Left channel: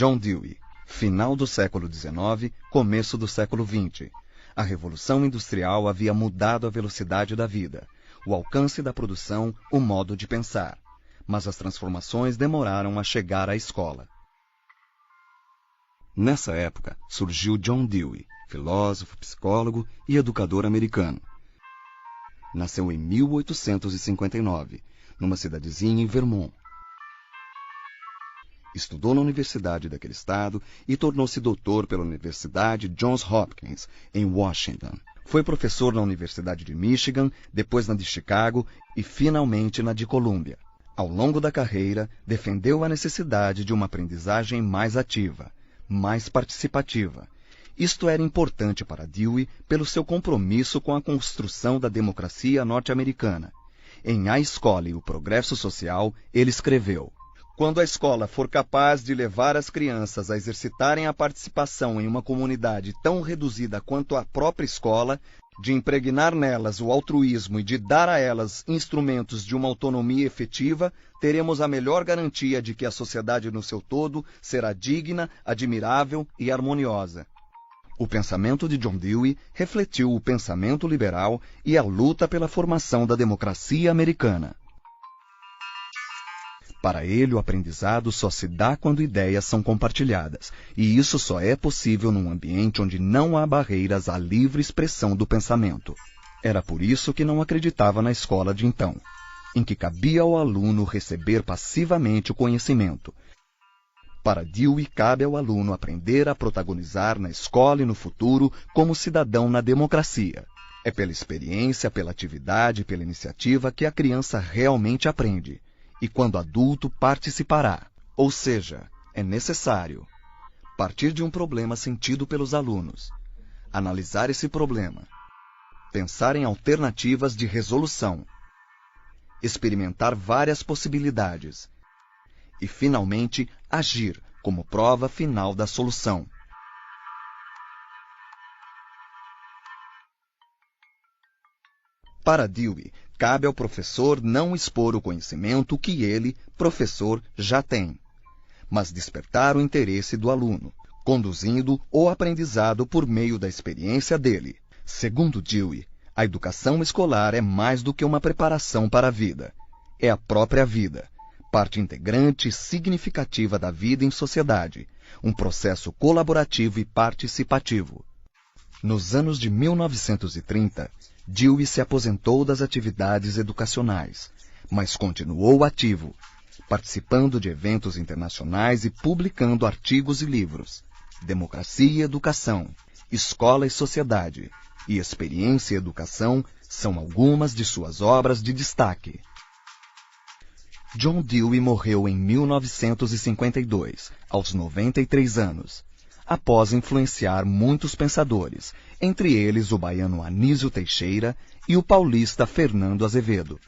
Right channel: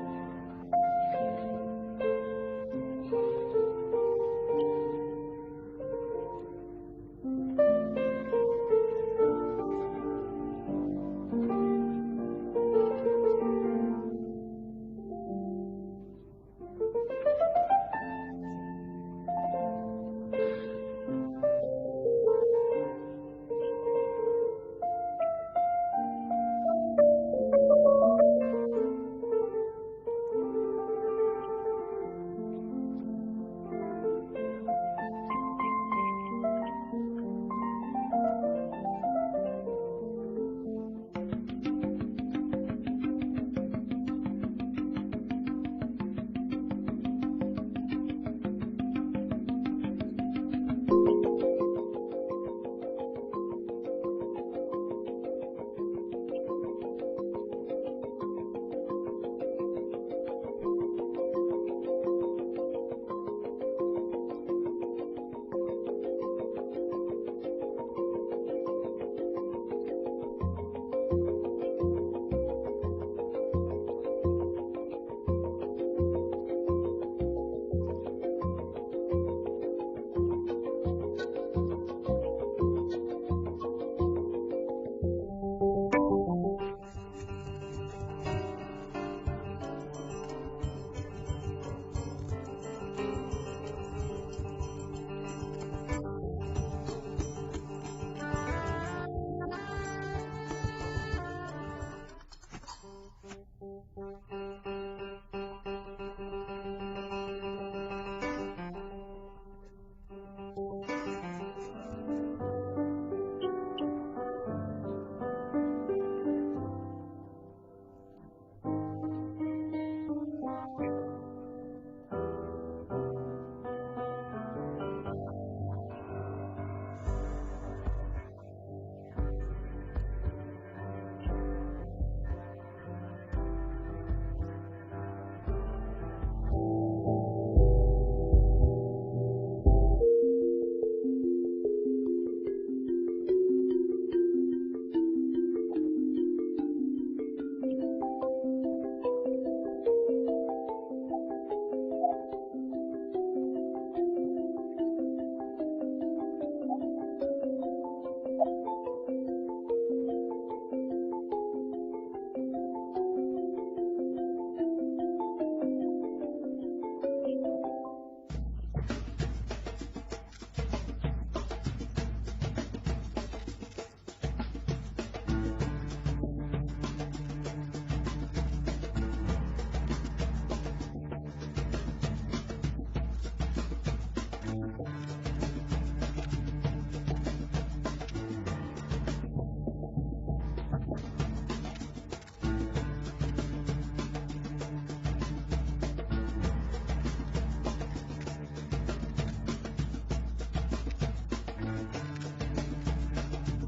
John Dewey, final do século XIX, começo do século XX. A Revolução Industrial havia mudado a velocidade da vida, o alcance da produção, o modo de pensar. Mas as transformações demoraram a chegar à escola. Nessa época, surgiu John Dewey, filósofo, psicólogo e educador americano. Nasceu em 1859, numa cidadezinha em Vermont. Estudou na universidade daquele estado e tornou-se doutor pela Universidade Johns Hopkins, em Washington. Foi professor na Universidade de Michigan, depois na de Chicago e finalmente na de Columbia. Ao longo da carreira, defendeu a necessidade de uma aprendizagem mais ativa, mais participativa. Isto era importante para Dewey pelo seu compromisso com a construção da democracia norte-americana. Em A Escola e o Progresso Social, ele escreveu: "Quando a escola for capaz de levar as crianças a exercitarem a participação em uma comunidade tão reduzida quanto a própria escola, de impregnar nelas o altruísmo e de dar a elas instrumentos de uma autonomia efetiva, teremos a melhor garantia de que a sociedade no seu todo será digna, admirável e harmoniosa." O pensamento de John Dewey refletiu o pensamento liberal e a luta pela formação da democracia americana. Para ele, o aprendizado só se dá quando ideias são compartilhadas, e isso só é possível num ambiente onde não há barreiras à livre expressão do pensamento. Era por isso que não acreditava na escola de então, em que cabia ao aluno receber passivamente o conhecimento. Para Dewey, cabe ao aluno aprender a protagonizar na escola e no futuro como cidadão na democracia. É pela experiência, pela atividade e pela iniciativa que a criança realmente aprende. E quando adulto, participará. Ou seja, é necessário partir de um problema sentido pelos alunos, analisar esse problema, pensar em alternativas de resolução, experimentar várias possibilidades e, finalmente, agir como prova final da solução. Para Dewey, cabe ao professor não expor o conhecimento que ele, professor, já tem, mas despertar o interesse do aluno, conduzindo o aprendizado por meio da experiência dele. Segundo Dewey, a educação escolar é mais do que uma preparação para a vida. É a própria vida, parte integrante e significativa da vida em sociedade, um processo colaborativo e participativo. Nos anos de 1930, Dewey se aposentou das atividades educacionais, mas continuou ativo, participando de eventos internacionais e publicando artigos e livros. Democracia e Educação, Escola e Sociedade e Experiência e Educação são algumas de suas obras de destaque. John Dewey morreu em 1952, aos 93 anos. Após influenciar muitos pensadores, entre eles o baiano Anísio Teixeira e o paulista Fernando Azevedo.